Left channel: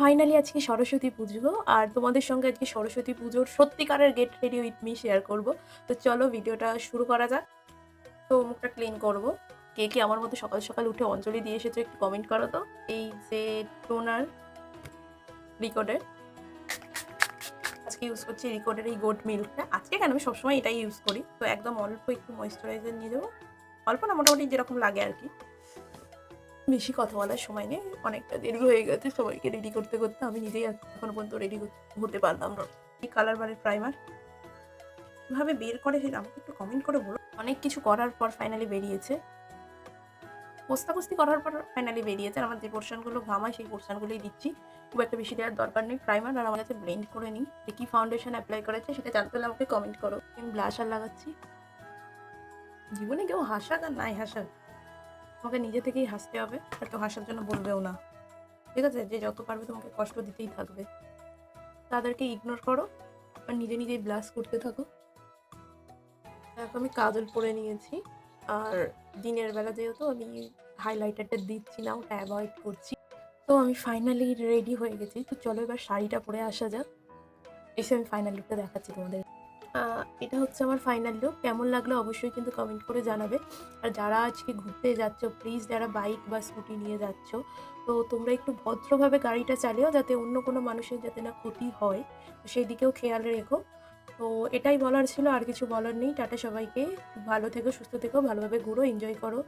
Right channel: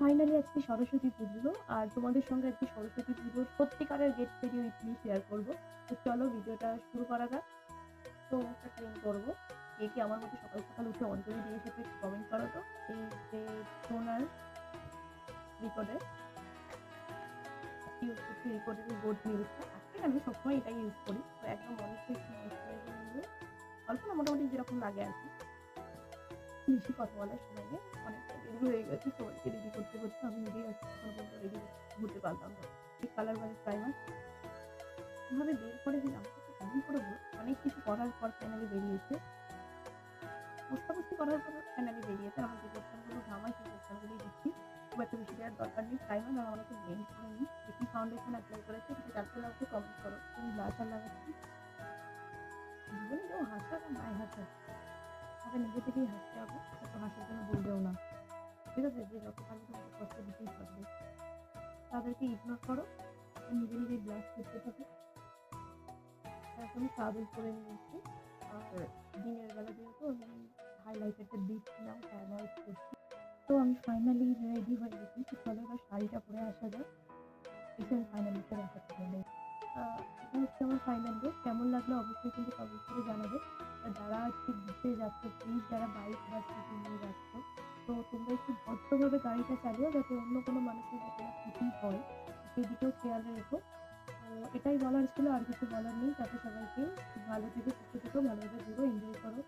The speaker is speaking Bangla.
ফাইনালি আজকে সরস্বতী পুজো। আর তোমাদের সঙ্গে আজকে সরস্বতী পুজোর সত্যিকারের get ready with me share করব। তো চলো ভিডিওটা শুরু করা যাক। তো মুখটা ক্লিন করব। কে, কে আমার মতো সকাল, সকাল উঠে অঞ্জলি দিয়ে এসেছো একটু কমেন্ট করো তো। এই যে টোনার রিকোডের, আজকে ইউজ করছি রিকোডের এই গোট মিল্কটা। আজকে কেন, আমি সবসময় এটাই ইউজ করি। তো একদম অল্প একটু ময়েশ্চারাইজার নিয়ে যাবো। অল্প না, মোটামুটি যেরকম লাগে আর কি। বেশি কথা বলার সময় নেই, অনেকটা দেরি হয়ে গেছে সবাইকে রেডি করতে করতে। আমি নিজেই এখনো পর্যন্ত রেডি হতে পারলাম না। এই কালার বারের প্রাইমার কিভাবে বের করে সেটা আমাকে একটু কমেন্ট করে বলো। অনেক কিছু করার পর ফাইনালি বেরিয়েছে, কস্তাকস্তি করার পর ফাইনালি বেরিয়েছে। আমার যে পোর্শনগুলো ঘামায় সেই পোর্শনগুলোই দিচ্ছি, খুব একটা বেশি দেওয়ার দরকার নেই প্রাইমার। আর আমার কাছে ব্লেন্ড করে নিই। কি ফাউন্ডেশন অ্যাপ্লাই করেছে সেটা জানতে হলে আমাকে কমেন্ট করো। আমি ব্লাশার লাগাচ্ছি। জীবনে কেউ হাসাক আর নাই হাসাক, তোমাকে নিজে থেকেই হাসতে হবে, আর কেউ হাসার জন্য বলবেও না। ঠিক আছে, যে যত পারবে তোমাকে কষ্ট দিতেই থাকবে, তাদেরকে ইগনোর করো আর নিজে নিজেই ব্লাশ করতে থাকো। এখন আমি কাজল পরে নিয়েছি। আর দিনের বেলা যেহেতু আমি হাইলাইটারটা দিচ্ছি না, ওটা অ্যাভয়েড করছি। তো আমি ফাইনালি রেডি হয়ে গেছি। তো চলো এবার শাড়িটা পরে আসা যাক, এসে আমি ফাইনাল লুকটা দেখাচ্ছি তোমাদের। এটা হচ্ছে আমার ফাইনাল লুক। কেমন লাগলো অবশ্যই কিন্তু কমেন্ট করে জানাবে। আর যারা আজকে ঘুরতে যাচ্ছ, প্লিজ যারা বাইক বা স্কুটি নিয়ে যাচ্ছ, তো তোমরা একটু ভদ্রভাবে গাড়িটা চালিও, যাতে অন্য কোনো মানুষের যাতে না ক্ষতি হয়, তো সেই দিকেও খেয়াল রেখো। তো এটাই বলার ছিল, আর কিছু বলার নেই। টাটা সবাইকে, ভালো থেকো, সুস্থ থেকো, ভালোভাবে ঘুরো, এনজয় করো।